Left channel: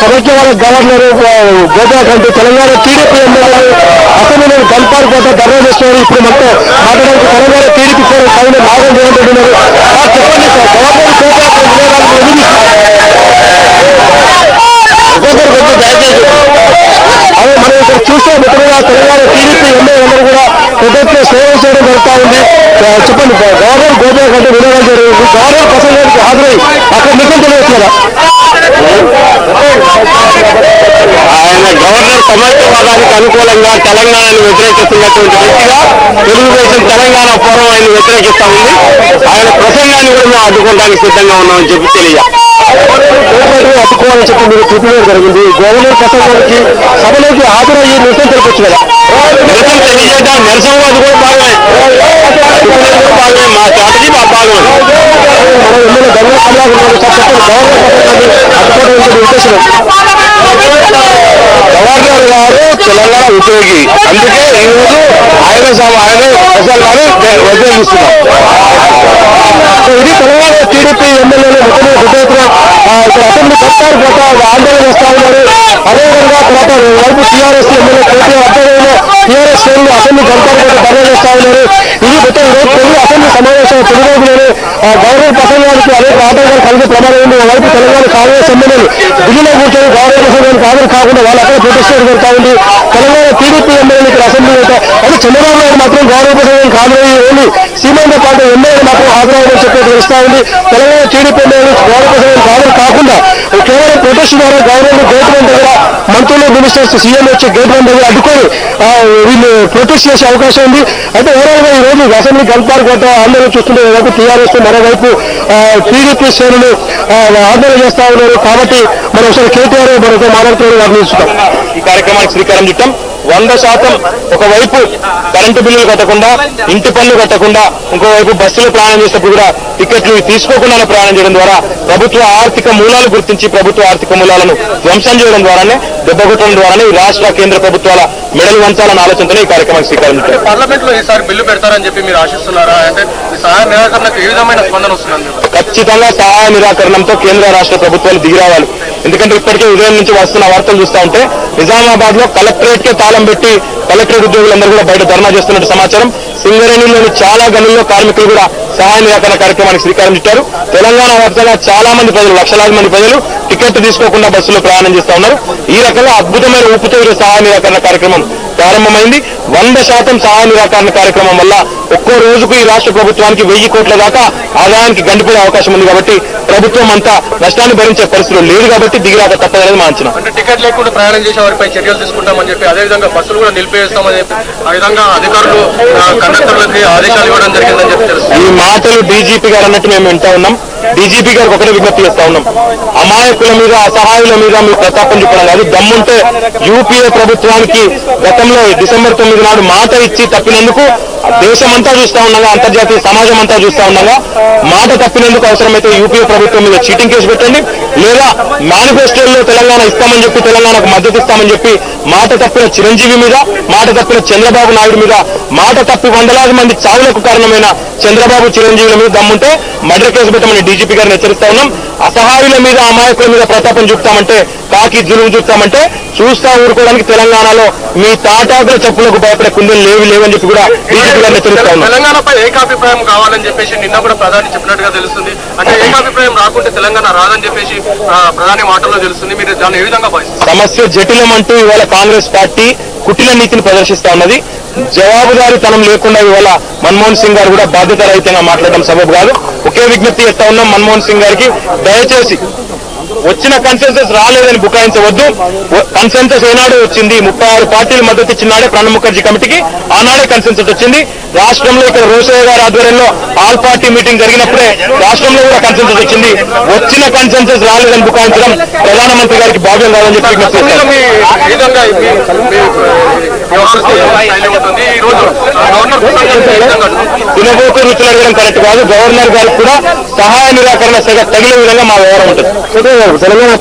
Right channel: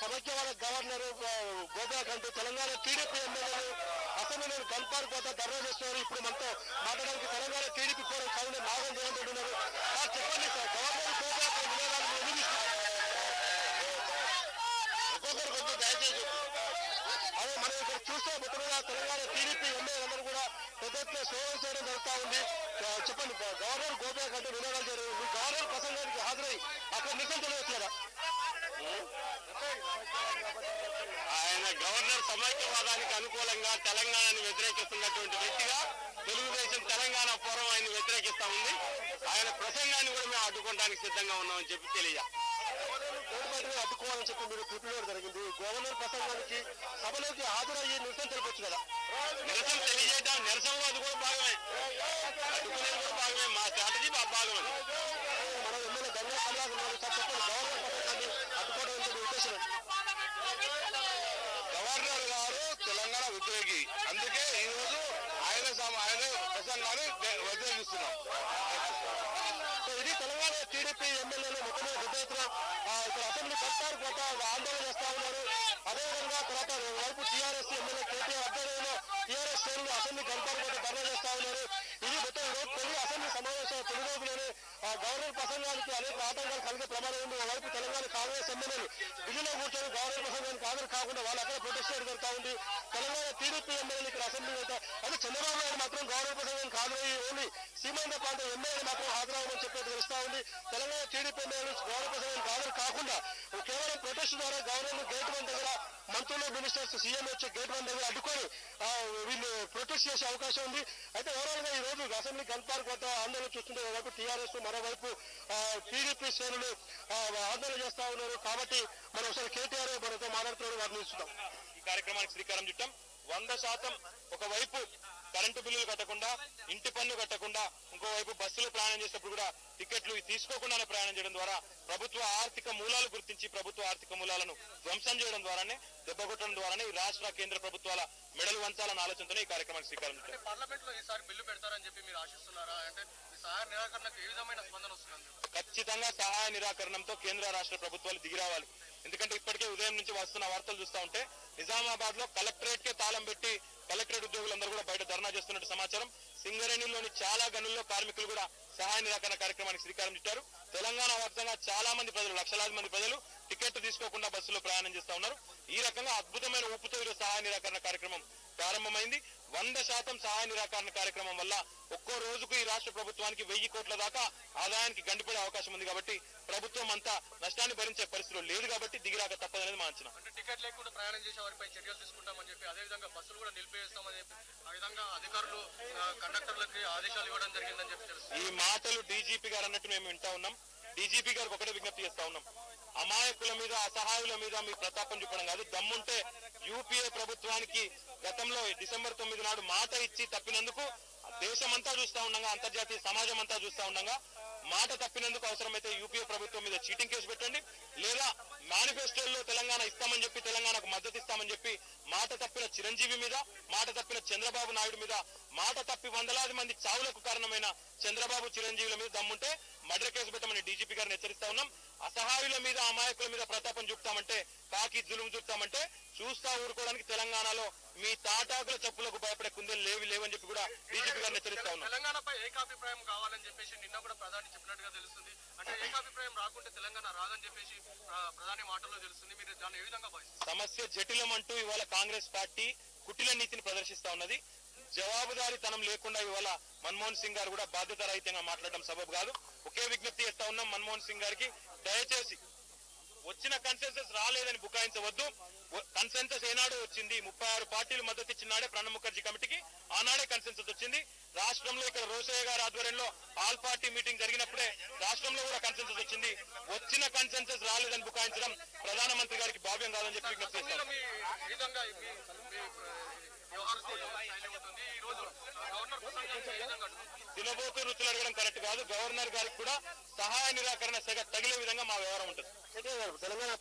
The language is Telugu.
సమైక్యవాద గవర్నర్ గోదాకంటే తెలంగాణ టీడీపీ ఎమ్మెల్యేలు అసెంబ్లీలో గన్పార్ కోట ధర్నా చేస్తున్నారు. ఇప్పుడు మనతో మాట్లాడడానికి తెలంగాణ టీడీపీ పైన నాగం జయంతున్నారు. చెప్పండి సార్, గవర్నర్ అదే మనం ఇక్కడ చూస్తే మిత్రులుగా తెలంగాణ టీడీపీ ఎమ్మెల్యేలందరూ కూడా ప్రభుత్వ సేవ చేయడం జరుగుతూ ఉంది. చెప్పండి, గవర్నర్ గోదా కంటే వినియోగం జరిగింది. గవర్నర్ ప్రసంగానికి హాజరై అక్కడ నిజం తెలియజేస్తున్నారా? ఆయన గవర్నర్ సమైక్యవాదానికి అనుకూలంగా తెలంగాణను వ్యతిరేకిస్తున్నటువంటి వ్యక్తిగా తెలుగుదేశం తెలంగాణ ఫోరం ఆయన వ్యతిరేకిస్తా ఉంది. ఆయన ప్రసంగాన్ని కూడా మేము అడ్డుకోవడానికి సిద్ధంగా ఉన్నామని చెప్పి అడ్డుకోవాలని చెప్పి మీరు చూపించడం జరిగింది. గవర్నర్ ప్రసంగానికి సభలోకి హాజరయ్యి నిరసన తెలిపొచ్చు కదా? నిరసన తెలియజేద్దాం, నిరసనవాది కూడా భాగమే, మా స్ట్రాటజీ మా భాగమే. మనం ఎమ్మెల్యే గంగా కమలాకర్ గారు చెప్పండి, గవర్నర్ ప్రసంగాన్ని అడ్డుకోవడం ఉద్దేశం? గవర్నర్ గారు తెలంగాణ ఉద్యోగి, అందుకే ఈరోజు ఆయన ప్రసంగాన్ని వ్యతిరేకిస్తున్నాం. ఇది తెలంగాణ టీడీపీ ఎమ్మెల్యేలు మొత్తం ఇక్కడ అసెంబ్లీ కట్టారు కోట ఆందోళన చేస్తా ఉన్నారు. అదేవిధంగా తర్వాత వైపు టీఆర్ఎస్ ఎమ్మెల్యే కేటీఆర్ ఆధ్వర్యంలో టీఆర్ఎస్ శ్రేణులు అసెంబ్లీ కట్టారు కోట ధర్నా చేస్తా ఉన్నారు. ఇది మొత్తం తెలుగు అసెంబ్లీ సమావేశం తొలి రోజులోనే గవర్నర్ ప్రసంగానికి అనేక ఆటంకాలు కలిగే ప్రమాదం ఉంది. వైపు తెలంగాణ కాంగ్రెస్ ఎమ్మెల్యేలు ఢిల్లీలో కూర్చొని గవర్నర్ ప్రసంగానికి హాజరు కాకుండా వాళ్ళు అక్కడ ప్రొటెస్ట్ జరుగుతూ ఉంది. తెలంగాణ టీడీపీ ఎమ్మెల్యేలు ఇక్కడ అసెంబ్లీ అయితే చంద్రబాబు నాయుడు మాత్రం గవర్నర్ ప్రసంగానికి హాజరయ్యి ఓన్లీ సీమాంతో పాటు ఎమ్మెల్యేలు మాత్రం హాజరయ్యని చెప్పి తెలుస్తా ఉంది. తెలంగాణ టీడీపీ ఎమ్మెల్యేలు గవర్నర్ ప్రసంగానికి హాజరు కాకుండా కేవలం ప్రొటెస్ట్ ద్వారా గవర్నర్ గేట్ వన్ దగ్గర మంత్రులు మినిస్టర్స్ సీఎం వచ్చి గేట్ వన్ దగ్గర అడ్డుకొని వీళ్ళు ప్రొటెస్ట్ చేసే అవకాశం ఉంది. అయితే ఓవరాల్ గా ఈ రోజు అసెంబ్లీ గన్పార్ కోట ఆందోళన చూస్తుంటే ఒకవైపు టీఆర్ఎస్ మరోవైపు టీడీపీ శ్రేణులు ఆందోళన చేస్తా ఉన్నారు. కాబట్టి మనం ఒకసారి కేటీఆర్ మనతో మాట్లాడుతూ వర్ణిస్తాం. ఈ కార్యక్రమానికి శ్రీకారం చుట్టాం. 100% ఒకవైపు కరెంటు బిల్లులు కట్టకుండా, ఇంటి పన్ను కట్టకుండా, ఇంకోవైపు బస్సులు ప్రయాణం చేసినప్పుడు కూడా టికెట్లు తీసుకోకుండానే ప్రయాణం చేయడం ద్వారా ప్రభుత్వ ఆర్థిక మూలాలు గుర్తించి ప్రభుత్వ ఆర్థిక మూలాలను ధ్వంసం చేయడం ద్వారానే, దెబ్బకొట్టడం ద్వారానే ఈ రాష్ట్ర కేంద్ర ప్రభుత్వాల మెడలు వంచాలన్న ఆలోచనతో ఈ కార్యక్రమానికి శ్రీకారం చుట్టారు. పార్లమెంట్ లో ఈసారి బిల్లు పెడతారని చెప్పి మీరు ఆశిస్తున్నారా? అంటే సహాయ నిరాకరణకు ఏ విధమైన స్పందన వస్తుంది? ఖచ్చితంగా సహాయ నిరాకరణంతో కేంద్ర రాష్ట్ర ప్రభుత్వాలు దిగిరావాలి. ఎందుకంటే ఇప్పటికే ఉదయం నుంచి వస్తున్న వార్తలు చూస్తా ఉంటే నిజామాబాద్ లో కలెక్టరేట్ కే తాళం పెట్టి కలెక్టరేట్ ఉద్యోగులందరూ కూడా బయట ధర్నా చేస్తున్నట్టు సమాచారం. సింగరేణిలోని చాలా గనుల్లో కార్మికులు కూడా సహాయ నిరాకరణ కార్యక్రమానికి శ్రీకారం చుట్టారు. తెలంగాణ వ్యాప్తంగా చాలా మంది ప్రజలు, లక్షలాది మంది ప్రజలు టికెట్ తీసుకోకుండా బస్సులో ప్రయాణం చేస్తా ఉన్నారు. ఈ రకంగా అద్భుతమైన ఊపుతో సహాయ నిరాకరణ కార్యక్రమం ప్రారంభమైంది. 100% సహాయ నిరాకరణ కార్యక్రమం వల్ల ఒక్కో రోజుకు ఈ రాష్ట్ర ప్రభుత్వానికి 1000 కోట్ల దాకా ఆదాయానికి గండిపోయే అవకాశం ఉంది. కాబట్టి ప్రభుత్వం అంతా నష్టాన్ని భరించే పరిస్థితులు లేదు కాబట్టి దిగిరాక తప్పదనేది మా అంచనా. అంటే టికెట్ లేకుండా ప్రయాణం చేసే వారిపై చర్యలు తీసుకుంటామని చెప్పి, అదేవిధంగా బస్సులు కూడా నిలిపేస్తామని చెప్పి, ఆ విధంగా అధికారులు కండక్టర్లకి ఆదేశాలు ఇవ్వడం జరిగిందని చెప్పి తెలుసు. ఈ మాటలు డీజీపీ గారు అన్నట్టు మేము వింటా ఉన్నాం. డీజీపీ గారికి ఒకటే విజ్ఞప్తి చేస్తా ఉన్నాం, అమాయకుల మీద, అసహాయుల మీద మీరు ప్రతాపం చెప్పడం కాదు. దమ్ముంటే యూపీఏ ప్రభుత్వానికి గతంలో డిసెంబర్ 9 నాడు మాట ఇచ్చి తప్పినందుకు దేశమంతా చూస్తా ఉండగా, అంతర్జాతీయ సమాజం అంతా చూస్తా ఉండగా మాట తప్పినందుకు అవసరమైతే యూపీఏ ప్రభుత్వం మీద చీటింగ్ కేసు పెట్టండి, లేదా మేనిఫెస్టోల్లో తెలంగాణ ఇస్తామని చెప్పి, తెలంగాణకు మద్దతు ఇస్తామని చెప్పి మాట తప్పిన చిరంజీవి మీద, మాట తప్పిన చంద్రబాబు నాయుడు మీద, మాట తప్పి 100,000 మంది చావులకు కారణమైన చంద్రబాబు, చిరంజీవుల మీద దమ్ముంటే మర్డర్ కేసు పెట్టమని డీజీపీ గారిని హెచ్చరిస్తా ఉన్నాం. అసహాయుల మీద, అమాయకుల మీద ప్రతాపం చూపుతామంటే, కాకి జులుము చూపుతామంటే చూస్తా ఊరుకోవడానికి తెలంగాణలో మీ తాటాకుల చెప్పులకు భయపడే కుందలు లేవని చెప్పి కూడా డీజీపీ గారిని హెచ్చరిస్తా ఉన్నాం. తెలంగాణపై ఏకాభిప్రాయం కావాలని చెప్పేసి నిన్న కూడా ప్రధాని చెప్పినట్టుగా తెలుస్తుంది. అంటే ఏకాభిప్రాయం రాకుంటే తెలంగాణ రాదని చెప్పేసి ప్రధాని మాటల్లో తెలుస్తుంది. మీరు దాన్ని ఏ విధంగా భావిస్తారు? సమస్య జటిలం అంటూ ఇవాళ కాంగ్రెస్ పార్టీ కుటిల నీతిని ప్రదర్శిస్తా ఉన్నది. జవాబుదారీతనం లేకుండా ఇవాళ మన్మోహన్ సింగ్ గారు కూడా బాధ్యత రహితంగా మాట్లాడడం సబబు కాదు. ఒకే విజ్ఞప్తి చేస్తా ఉన్నాం మన్మోహన్ సింగ్ గారికి, దయచేసి వచ్చిన కన్సెన్సస్ రాలేదని బుకాయించవద్దు. కన్సెన్సస్ ఏనాడు వచ్చింది? 36 పార్టీలు మద్దతు ఇచ్చినాడే ప్రణబ్ ముఖర్జీ కమిటీకి, ఆనాడే కన్సెన్సస్ వచ్చింది. రాష్ట్రంలో ఇక్కడ రోషయ్య గారి ఆధ్వర్యంలో ఆల్ పార్టీ మీటింగ్ జరిగినప్పుడే రాష్ట్రంలో కూడా కన్సెన్సస్ వచ్చింది. వచ్చిన కన్సెన్సస్ రాలేదని బుకాయించడం ప్రధానమంత్రి గారికి భావ్యం కాదని చెప్పి విజ్ఞప్తి చేస్తారు. తినబోతూ రుచులు అడగడం కరెక్ట్ కాదు. గవర్నర్ గారికి కూడా సహాయ నిరాకరణ సెగ తగిలే విధంగా మా వ్యవహారం ఉంటుంది. తెలంగాణ